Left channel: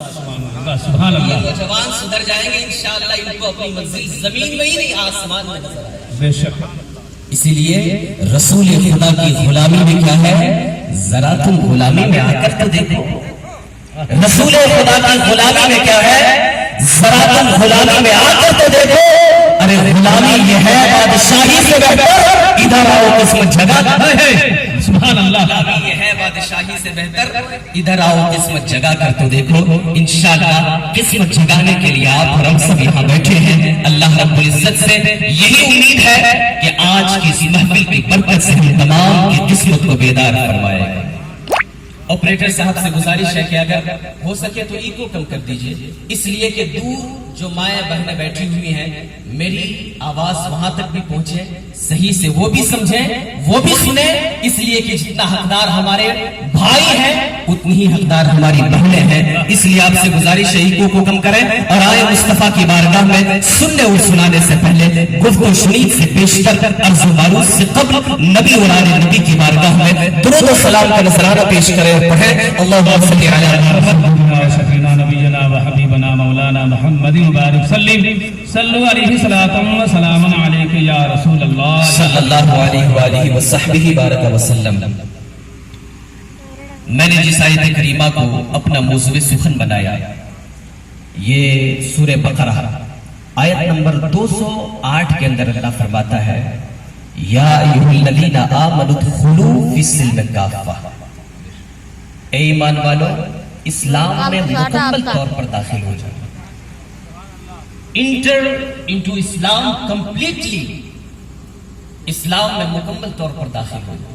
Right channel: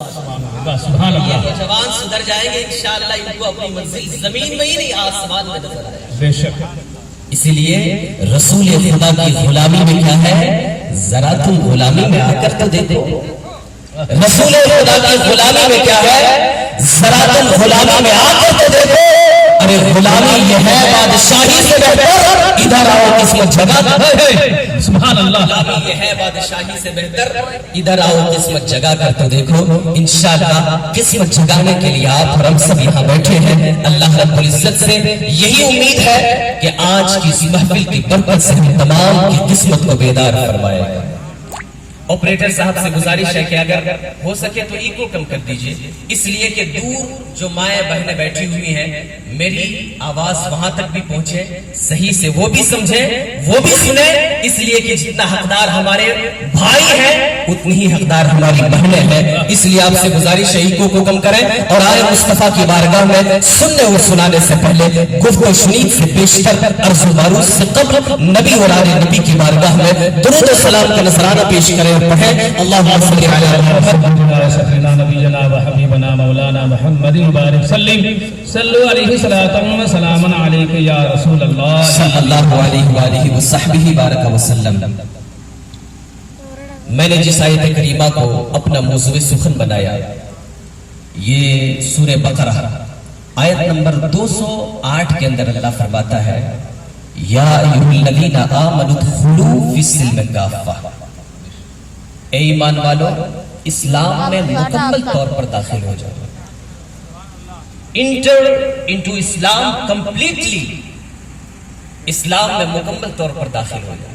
سبحان اللہ. یہ نوجوان سدھر جائیں گے انشاءاللہ، ان کو اپنی منزل زمین میں ہی نہیں آسمان میں نظر آئے گا. بے شک. اسی لیے رسول خدا کی غلامی میں کیا ہے، ذرا تم غلامی میں آ کر تو دیکھو. رسول خدا کی غلامی میں کیا ہے، ذرا تم غلامی میں آ کر تو دیکھو. ارے غلامی یہ ہے بادشاہی سے بہتر، ادھر آؤ قسمت جگہ. سبحان اللہ. غلامی یہ ہے بادشاہی سے بہتر، ادھر آؤ قسمت جگا کر تو دیکھو. انشاءاللہ قسمت جگانے کے لیے آپ اور ہم سب یہاں بیٹھے ہیں. اللہ رب العزت سے یہی امید ہے کہ آج کی اس محفل کی برکت سے ہم تمام کی قسمت کو بیدار فرمائے گا. آپریٹر صاحب سے گزارش ہے کہ اگر ہو سکے تو ایکو کم کر دیجئے، اس لیے کہ دور جو مائیں بہنیں بیٹھی ہوئی ہیں میری آواز وہاں تک بھی پہنچے، صحیح سے وہ بھی سمجھیں وہ بھی سنیں. اس لیے کہ جتنا حقدار ہمارے بھائی ہیں اتنی ہی حقدار ہماری بہنیں ہیں. اس لیے آپ سے گزارش ہے ایکو کو کم کریں اور آئے مصطفیٰ کی بارگاہ میں سننے اور سنانے سے پہلے گفت و شنید سے پیشتر عرض و معروض سے قبل نبی اور آل نبی کی بارگاہ میں درود و سلام کا نذرانہ پیش کریں اور پڑھیں اللہم صلی علی محمد سیدنا نبینا و حبیبنا مولانا محمد بارک صلو علیہ صلاۃ و سلام علیک یا رسول اللہ صلی اللہ علیہ وآلہ وصحبہ بارک وسلم. میں نے جس آیت کریمہ کو اپنا موضوع سخن بنایا یہ سورہ بقرہ آیت نمبر 208 کے اندر اللہ فرماتا ہے یا ایھا الذین آمنوا ادخلوا فی السلم کافہ. اے ایمان والو اسلام میں مکمل طور پر داخل ہو جاؤ. انٹر انٹو اسلام کمپلیٹلی، اسلام میں مکمل طور پر داخل ہو جائے.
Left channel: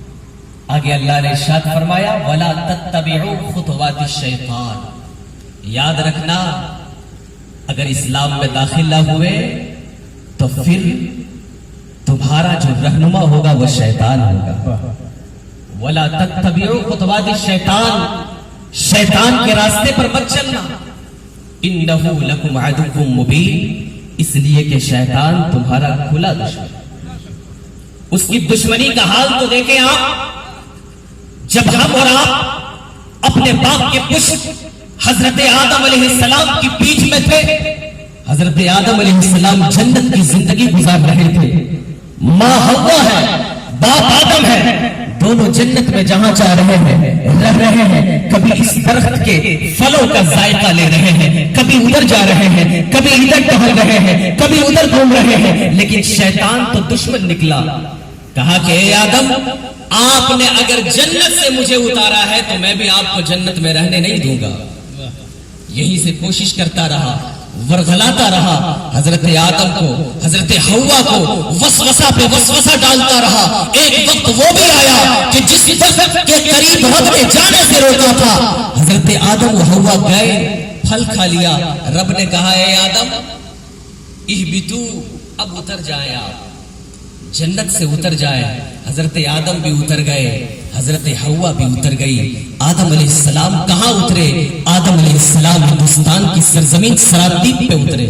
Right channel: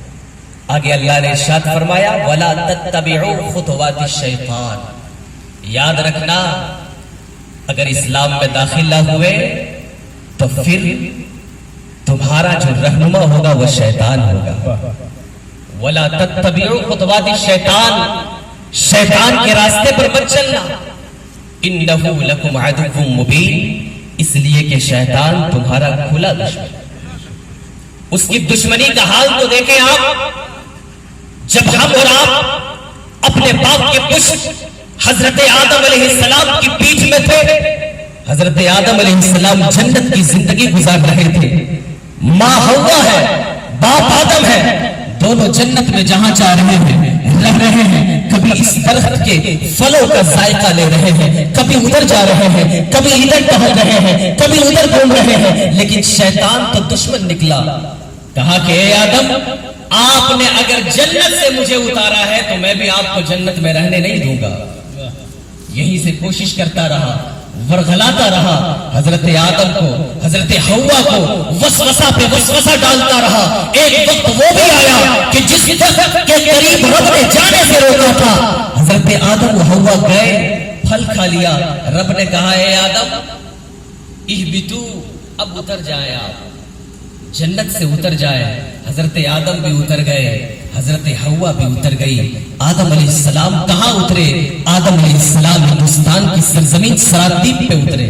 آگے اللہ نے ارشاد فرمایا وَلَا تَتَّبِعُوا خُطُوَاتِ الشَّيْطَانِ. یاد رکھنا اگر اسلام میں داخل نہ ہوئے تو پھر تمہارا جو رہنما ہوگا وہ شیطان ہوگا. وَلَا تَتَّبِعُوا خُطُوَاتِ الشَّيْطَانِ، شیطان کے راستے پر مت چلنا. إِنَّهُ لَكُمْ عَدُوٌّ مُبِينٌ، اس لیے کہ شیطان تمہارا کھلا دشمن. اس کی دشمنی کا حال تو دیکھیں آپ. جب ہم اور آپ اپنے باپ کے پشت حضرت آدم علیہ السلام کی پیٹھ میں تھے، حضرت آدم علیہ السلام جنت کی زندگی گزار رہے تھے. ماں حوا ہے، باپ آدم ہے، دونوں جنت میں جہاں چاہ رہے ہیں رہ رہے ہیں. کبھی اس درخت کے پھلوں کا ذائقہ لے رہے ہیں، کبھی ادھر جا رہے ہیں، کبھی ادھر ٹہل رہے ہیں، کبھی ادھر گھوم رہے ہیں. لیکن شیطان تو دشمن نکلا. کہا کہ اے آدم آپ نے اگر جنت سے مجھے اتارا ہے تو میں بھی آپ کو جنت میں رہنے نہیں دوں گا. یہیں سے کوشش کرتا رہا، ورغلاتا رہا. حضرت آدم کو، حضرت حوا کو وسوسہ پہ وسوسہ ڈالتا رہا. ایک وقت وہ بھی آیا کہ جس درخت کے قریب رب نے جانے سے روکا تھا، حضرت آدم و حوا گئے، پھل کھا لیا. رب نے کہا اے آدم اہبطوا، اب اتر جائیں، آپ جنت سے اتر جائے. حضرت آدم بھی اتر گئے، حضرت حوا بھی اتر گئی. آدم علیہ السلام کہاں اترے؟ آدم علیہ السلام ہندوستان کی سرزمین سرابدیپ پہ اترے.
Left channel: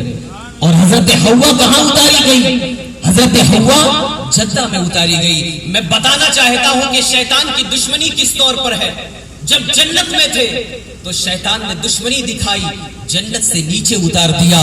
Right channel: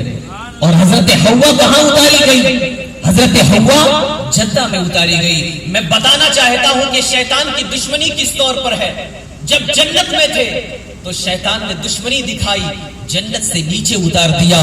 اور حضرت حوا کہاں اتاری گئی؟ حضرت حوا جدہ میں اتاری گئی. میں بتانا چاہتا ہوں کہ شیطان کی دشمنی کس طور پر ہے. جب جنت میں تھے تو شیطان نے دشمنی دکھائی، جنت سے نیچے اتار دیا.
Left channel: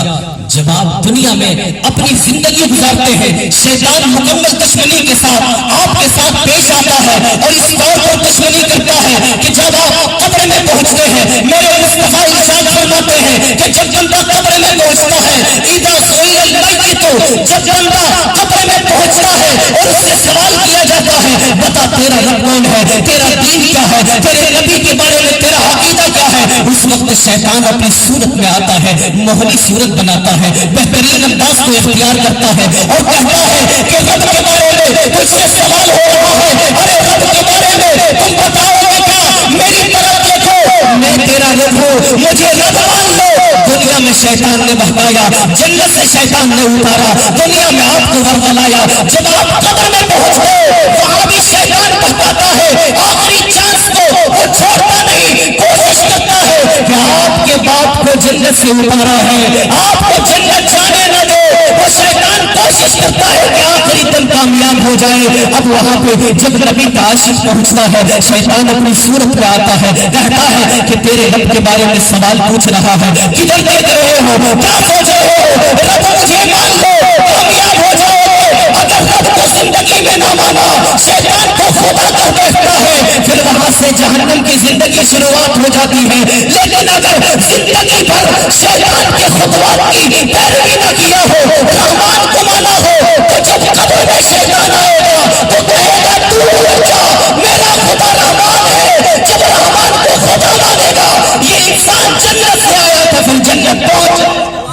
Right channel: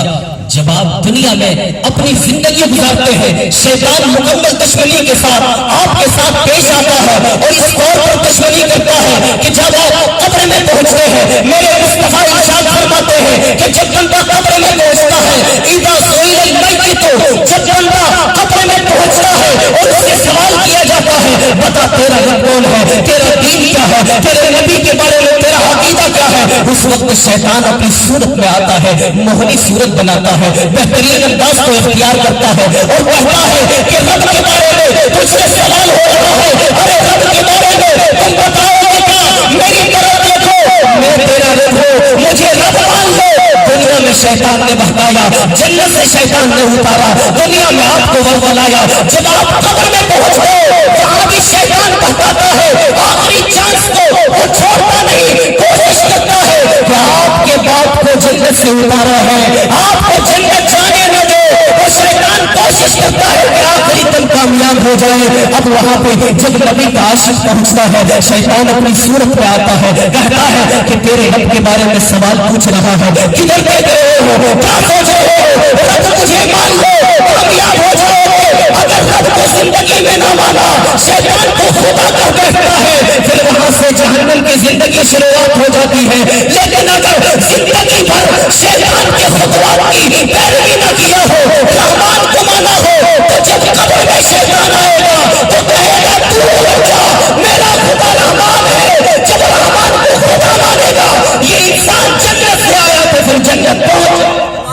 جب آپ دنیا میں اپنی زندگی گزارتے ہیں شیطان مکمل دشمنی کے ساتھ آپ کے ساتھ پیش آتا ہے اور اس طور پر دشمنی کرتا ہے کہ جب آپ قبر میں پہنچتے ہیں میرے مصطفیٰ ارشاد فرماتے ہیں کہ جب بندہ قبر میں پہنچتا ہے اذا سئل المیت، جب بندہ قبر میں پہنچتا ہے اور اس سے سوال کیا جاتا ہے بتا تیرا رب کون ہے، تیرا دین کیا ہے، تیرے نبی کے بارے میں تیرا عقیدہ کیا ہے، اس وقت شیطان اپنی صورت میں آتا ہے، موہنی صورت بناتا ہے، بہترین انداز کو اختیار کرتا ہے اور کہتا ہے کہ رب کے بارے میں تجھ سے سوال ہو رہا ہے. ارے رب کے بارے میں تم بتاؤ گے کیا؟ میری طرف دیکھو، میں تیرا رب ہوں، مجھے رب مان لو. دنیا میں شیطان نے بہکایا، جنت سے شیطان نے اتارا، دنیا میں آپ کو ورغلایا. جب آپ قبر میں پہنچ گئے وہاں بھی شیطان بہکاتا ہے. آخری چانس کو وہ چھوڑتا نہیں، کوشش کرتا ہے کہ آپ کے باپ کو جنت سے اتارا ہے، آپ کو جنت جانے نہ دو. وہ شیطان کوشش کرتا ہے کہ آخری دن کامیاب ہو جائے. اب وہاں پہ جب نبی کا عاشق پہنچتا ہے شیطان اپنی صورت میں آتا ہے، کہتا ہے کہ تیرے رب کے بارے میں سوال پوچھ رہا ہے، کدھر دیکھ رہے ہو، کیا سوچ رہے ہو، رب مجھے مان لو کامیاب ہو جاؤ گے۔ اگر رب کو زندگی میں نہ مانا شیطان کو خدا کر بیٹھتا ہے، پھر وہاں سے جہنم کی زندگی شروعات ہو جاتی ہے۔ لیکن اگر زندگی بھر شیطان کے خطوات کی پیروی نہ کیا ہو، رحمان کو مانا ہو، تو جب قبر میں شیطان آئے گا تو کہے گا تو کیا میرا خدا رحمان ہے۔ جب رحمان کو خدا مانے گا یہ انسان جنت سے آیا تو پھر جنت پہنچ۔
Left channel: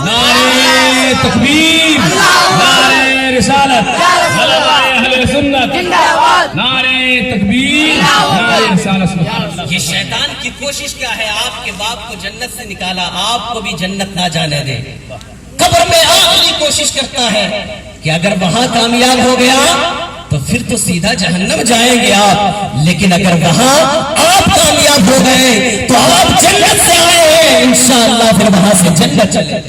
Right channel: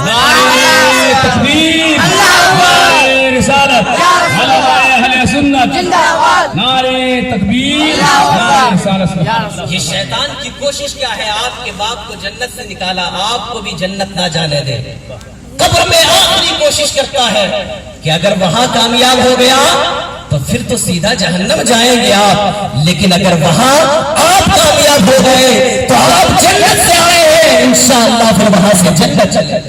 نعرہ تکبیر، نعرہ رسالت، علماء اہل سنت، نعرہ تکبیر، نعرہ رسالت۔ یہ شیطان کی کوشش کیا ہے؟ آپ کے باپ کو جنت سے نکالا، آپ کو بھی جنت نہ جانے دے۔ قبر میں آخری کوشش کرتا ہے کہ اگر وہاں کامیاب ہو گیا تو پھر تو سیدھا جہنم جائیں گے آپ، لیکن اگر وہاں آپ کامیاب ہو گئے تو آپ جنت سے آئے ہیں، انشاءاللہ پھر وہاں سے جنت چلے۔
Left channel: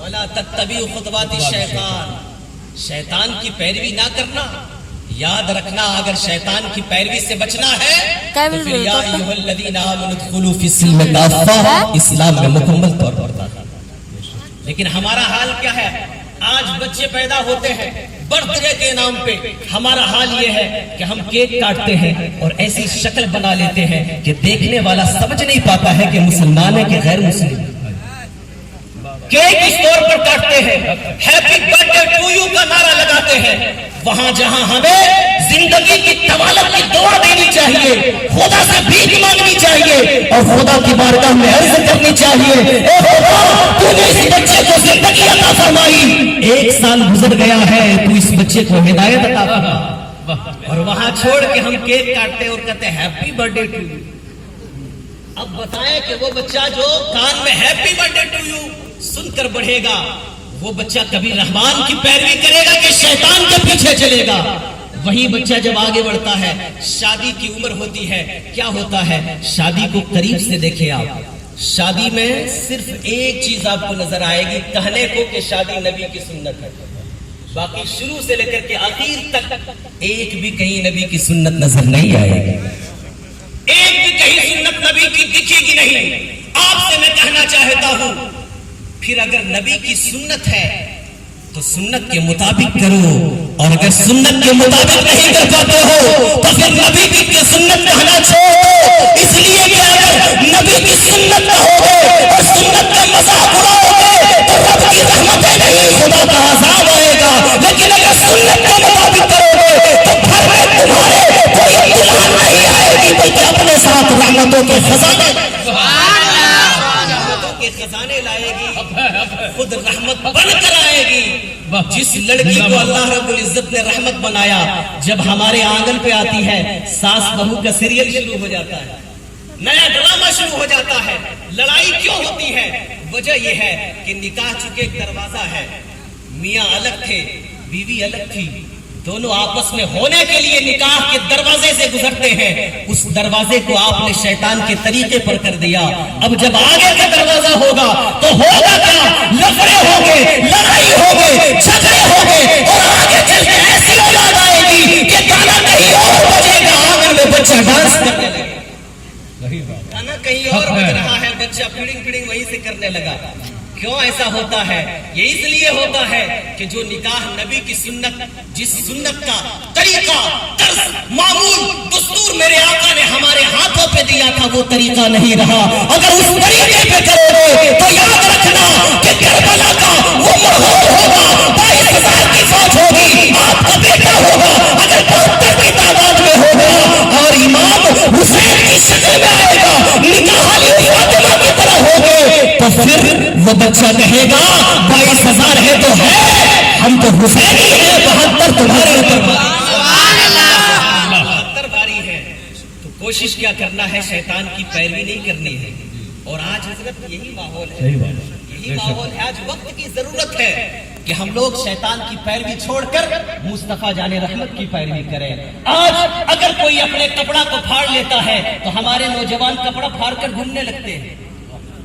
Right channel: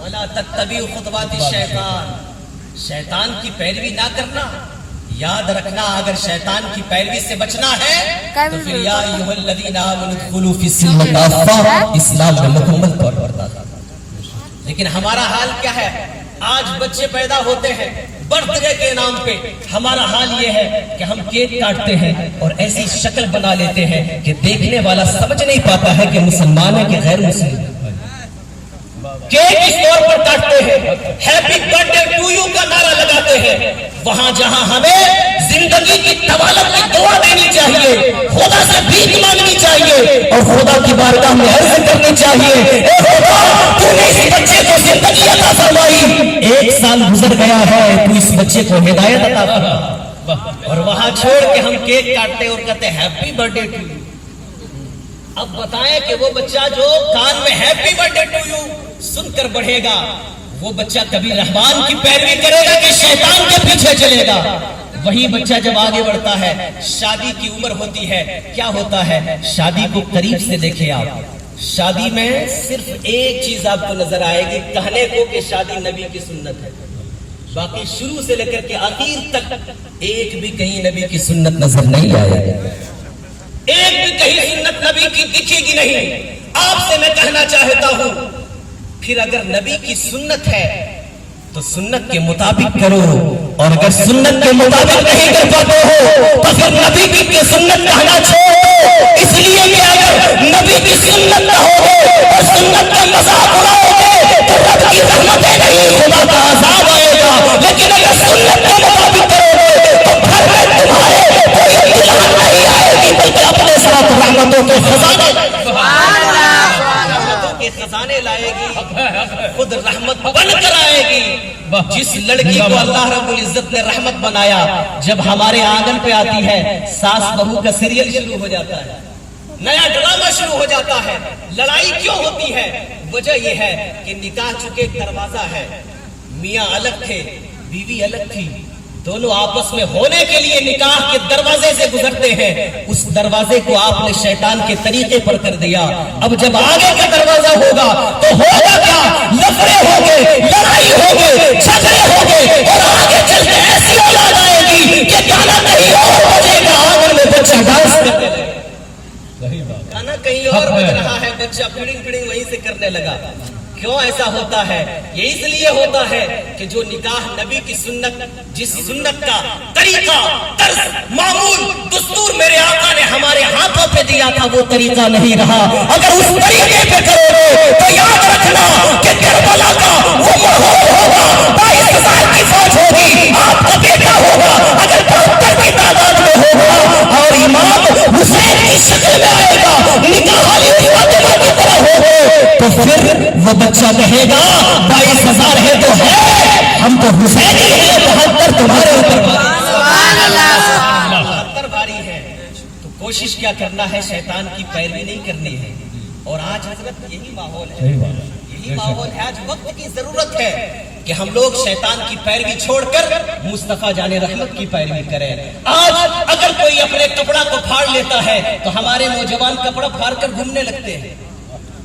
وَلَا تَتَّبِعُوا خُطُوَاتِ الشَّيْطَانِ، شیطان کی پیروی نہ کرنا۔ یاد رکھنا اگر شیطان کی پیروی سے بچنا ہے تو پھر یا ایھا الذین آمنوا ادخلوا فی السلم کافہ، اسلام میں مکمل طور پر داخل۔ لیکن ہمارا حال کیا ہے؟ آج بچے پیدا ہوتے ہیں برتھ ڈے کے نام پہ، ہمارا حال یہ ہے کہ ہم کیک کاٹتے ہیں اور ایسی شکل بنا لیتے ہیں کہ دیکھنے والا سمجھ نہیں پاتا ہے کہ مسلمان ہے کہ غیر مسلم۔ کیک اس طور پر کاٹتے ہیں، happy birth day to you کا نعرہ لگاتے ہیں، وہاں جہاں ہمیں زندگی کی طوالت میں دعا دینی چاہیے، خدا سے بھیک مانگنی چاہیے اور خدا کی بارگاہ میں عرض کرنی چاہیے، اے خدا تو نے اس بچے کو زندگی عطا فرمائی، 1 سال گزر گیا ہے تو اس بچے کو ہدایت عطا فرما، اور وہاں چھوڑ کے ہم کیک کاٹتے اور کہتے ہیں ہیپی برتھ ڈے ٹو یو۔ اب بتائیں کہ وہ بچہ جو کان میں ہیپی برتھ ڈے ٹو یو سن کر بڑھے گا، وہ بچہ کبھی رحمان کی پیروی کرے گا کہ شیطان کے پیچھے چلے گا؟ وہی بچہ جب آگے بڑھتا ہے، شادی کی عمر ہوتی ہے، کیا ہوتا ہے؟ شادی کو قریب سے دیکھیں آپ، شادی میں صرف ایک چیز آپ کو نظر آئے گی کہنے کو کہ شادی نبی کی سنت ہے، باقی شروع سے لے کر کے آخر تک ایک بھی کہیں نبی کی سنت نظر نہیں آئے گی، ایک بھی کہیں سنت نبی کی دکھے گی نہیں۔ آپ سے میں کہنا چاہتا ہوں پھر اگر نبی کی سنت ہے تو سنت کے مطابق کرو، اور اگر سنت کے مطابق نہیں کر پاتے ہو تو پھر نبی کی سنت کہنا چھوڑو، اس لیے کہ اگر نبی کی سنت نہ ہوگی اور سنت کا مذاق اڑاؤ گے تو رب کی رحمتیں نہیں، خدا کا عذاب آئے گا، لیکن اگر سنت کے مطابق کرو گے تو گھر میں تمہارے کوئی امتحان نہیں آئے گی بلکہ اپنے ساتھ رحمتوں کے خزانے خزانے لائے گی، خود رحمت بن کر آئے گی۔ جس لڑکی کو اللہ رب العزت نے رحمت بنایا جب ہمارے آنگن پہ آتی ہے، ساس بہو کا سیریل شروع ہو جاتا ہے، نیا ڈرامہ شروع ہو جاتا ہے۔ لڑائی کیوں ہوتی ہے؟ وجہ یہ ہے کہ نکاح چکے دروازہ ہے، میاں الگ تھے بیوی الگ تھی، دونوں آپس میں ہونے کے لیے نکاح کے دروازے سے گزرتے ہیں، اس دروازے کو آپ نے شیطان کے طریقے پر کر دیا۔ اب جب آگے کا دروازہ ہوگا تو ہوگا کیا؟ لفڑے ہوگے، لڑائی ہوگی، جھگڑے ہوگے، اور آگے چل کے ایسی اولاد آئے گی کہ گانا کہیں اور بجے گا، آنگن میں بچہ ڈانس کرنے لگے، گانا کہیں اور بج رہا ہے، بچہ پڑنگ پڑنگ وہیں سے کرنے لگا۔ کیوں ایسا ہوتا ہے؟ یہ اس لیے ہوتا ہے کہ جو نکاح نبی کی سنت، جس سنت کا طریقہ، طرز، معمول، دستور میرے آقا نے ہمارے ہاتھوں پہ دیا تھا وہ طریقہ نہیں رہا۔ اگر اس طریقے پہ کرو گے تو یاد رکھنا کہ کربلا کا وہ ماحول ہوگا، 22,000 کی فوج ہوگی، آپ کا بیٹا ہوگا، اگر 72 کی تعداد میں ہوگا اور امام حسین کی شکل میں آئے گا، نکاح والی فاطمہ کی طرح ہوگے، تو پھر وہ بچہ کہے گا 22,000 ہے تو ہے، ہم تو حسینی ہیں، 72 تمہارے اوپر بھاری ہے۔ تو کوشش کیا کرنا ہے؟ شیطان کی پیروی نہیں کرنی ہے، اور آج حضرت یہی ماحول ہے، یہی ماحول ہے۔ آج وقت کی ضرورت ہے کہ ہم لوگ شیطان کی پیروی چھوڑ کر مصطفیٰ جان رحمت کی پیروی کریں۔ آج اگر کوئی اپنے کپڑا کو پھاڑ لیتا ہے تو ہمارے نوجوان کپڑا پھاڑ کر گھومنے لگتے ہیں،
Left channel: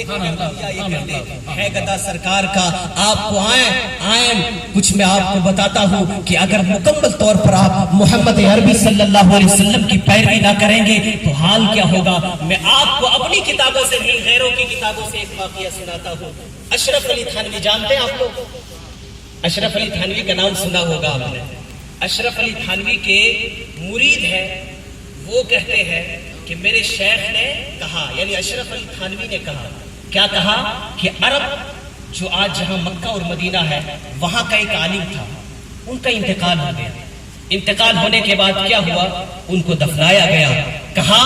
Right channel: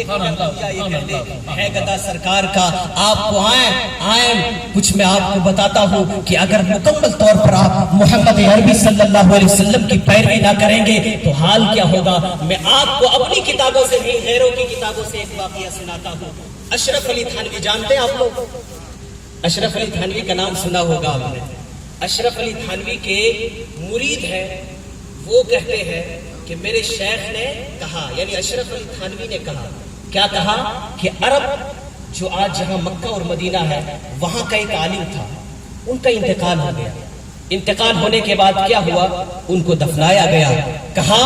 ایک منٹ یہ کہتے ہے گدا سرکار کا آپ کو آئیں کچھ میں آپ کو بتاتا ہوں کہ اگر مکمل طور پر آپ محمد عربی صلی اللہ علیہ وسلم کی پیروی نہ کریں گے تو حال کیا ہوگا. میں آپ کو اپنی کتابوں سے نہیں غیروں کی کتابوں سے ایک واقعہ سناتا ہوں. اشرف علی تھانوی جانتے ہیں آپ لوگ؟ اشرف علی تھانوی کا نام سنا ہوگا آپ نے. اشرف علی تھانوی کے مرید ہیں. وہ کہتے ہیں کہ میرے شیخ نے کہا، یعنی اشرف علی تھانوی نے کہا، کیا کہا کہ عرب جو آج جہاں مکہ اور مدینہ ہے وہاں کا ایک عالم تھا، ان کا انتقال ہو گیا. انتقال ہونے کے بعد کیا ہوا؟ ان کو دفنایا گیا. کہا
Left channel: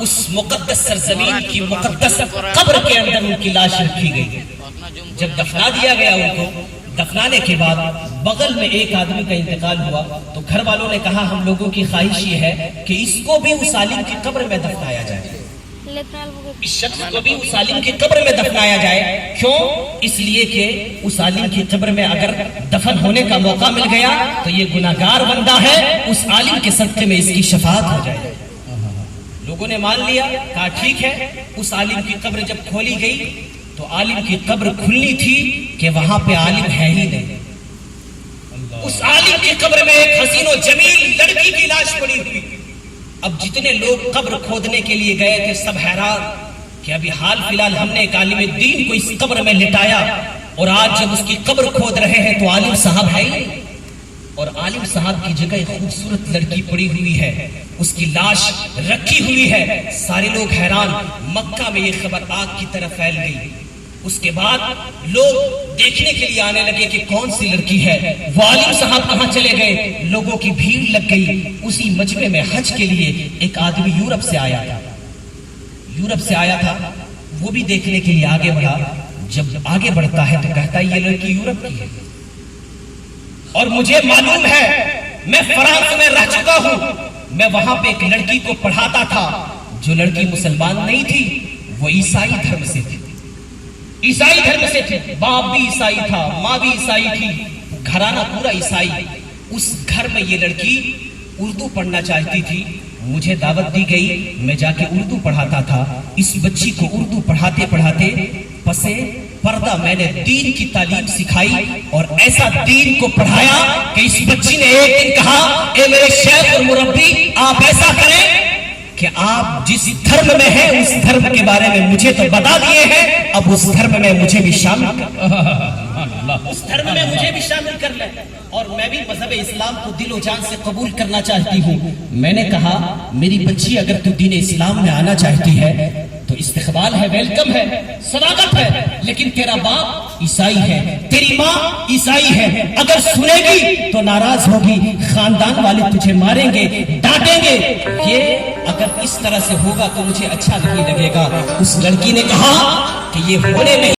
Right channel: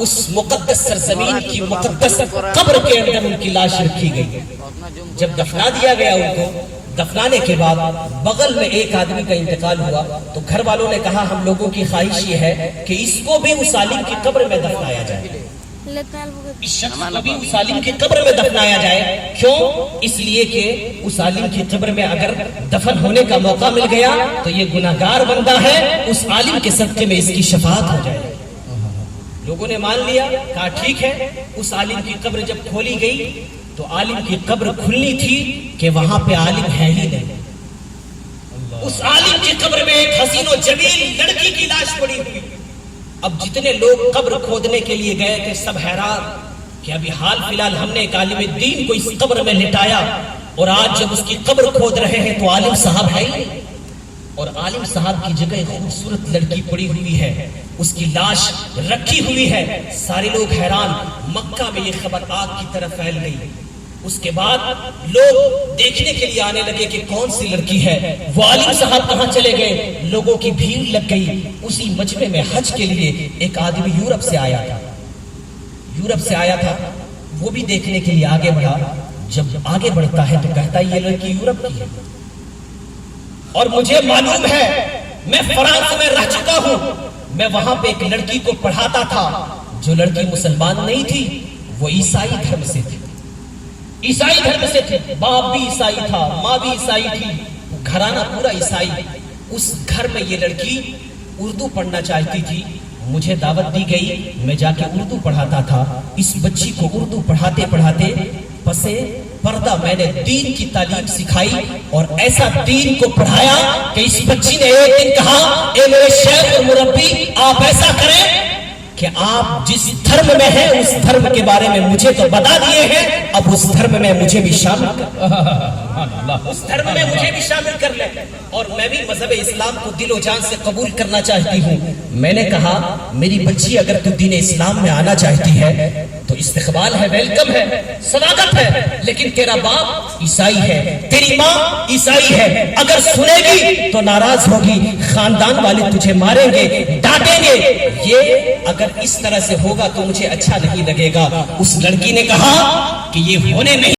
اس مقدس سرزمین کی مقدس قبر کے اندر ان کی لاش رکھی گئی. جب دفنا دیا گیا ان کو، دفنانے کے بعد بغل میں ایک آدمی کا انتقال ہوا تو گھر والوں نے کہا ہم لوگوں کی خواہش یہ ہے کہ اس کو بھی اس عالم کی قبر میں دفنایا جائے. اس شخص کو بھی اس عالم کی قبر میں دفنایا جائے. کیوں؟ اس لیے کہ اس عالم کی قبر میں اگر دفن ہونے کا موقع مل گیا تو یہ گناہگار بندہ ہے، اس عالم کے صدقے میں اس کی شفاعت ہو جائے. لوگوں نے مان لیا، کہا ٹھیک ہے. اس عالم کی قبر جب کھولی گئی تو عالم کی قبر کھلنی تھی کہ وہاں پہ عالم ہے ہی نہیں. اس عالم کی قبر میں ایک حسین و جمیل لڑکی کی لاش پڑی ہوئی. اب جتنے لوگ قبر کھودنے کے لیے گئے تھے سب حیران کہ ابھی حال فی الحال ہم نے ایک عالم دین کو اس قبر میں لٹایا اور آج جب اس کی قبر کھود رہے ہیں تو عالم صاحب ہے ہی، اور عالم صاحب کی جگہ ایک خوبصورت لڑکی پڑی ہوئی ہے، اس کی لاش رکھی ہوئی ہے. سارے لوگ حیران. مکہ میں یہ خبر آگ کی طرف پھیل گئی. اس کے بعد لوگ دیکھنے کے لیے آنے لگے کہ کون سی لڑکی ہے، وہ عالم صاحب کہاں چلے گئے. لوگوں کی بھیڑ لگ گئی. اسی مجمع میں حج کے لیے ایک آدمی یورپ سے آیا تھا. وہ بھی دیکھنے کے لیے آگے بڑھا. جب آگے بڑھتا ہے تو کہتا ہے یہ لڑکی یورپ کی ہے اور مجھے معلوم ہے، میں فرانس میں رہ چکا ہوں. میں وہاں پہ ایک لڑکی کو پڑھاتا تھا. جو لڑکی مسلمان نہیں تھی وہ عیسائی دھرم سے تھی. باپ بھی عیسائی تھا، ماں بھی عیسائی تھی، گھرانہ پورا عیسائی. اس گھر میں یہ لڑکی اردو پڑھنا چاہتی تھی. مجھے دعوت دی گئی، میں جا کے اردو پڑھاتا تھا. اس بچی کو اردو پڑھاتے پڑھاتے پسے پردہ میں نے دین کی تعلیم سکھائی اور ایسا دین کو پڑھایا کہ اس بچی نے ایک دن کہا اے میرے شیخ اور مربی، آپ ایسا کریں کہ آپ جس دھرم میں ہیں اس دھرم کے بارے میں مجھے تو بتا دیے ہیں، اب اس دھرم میں مجھے بھی شامل کر لیں اور میں بھی مذہب اسلام کو دل و جان سے قبول کرنا چاہتی ہوں. میں نے کہا میری بچی اگر تو دین اسلام میں آنا چاہتی ہے تو استقبال ہے، ویلکم ہے، سواگت ہے، لیکن تیرا باپ عیسائی ہے، تیری ماں عیسائی ہے. اگر سنے گی تو ناراض ہوگی، خاندان والے تجھے ماریں گے، ڈانٹیں گے. یہ اگر اس طرح سے ہوگا تو مجھے اچھا نہیں لگے گا. اس لڑکی نے کہا کہ یہ ہونے نہیں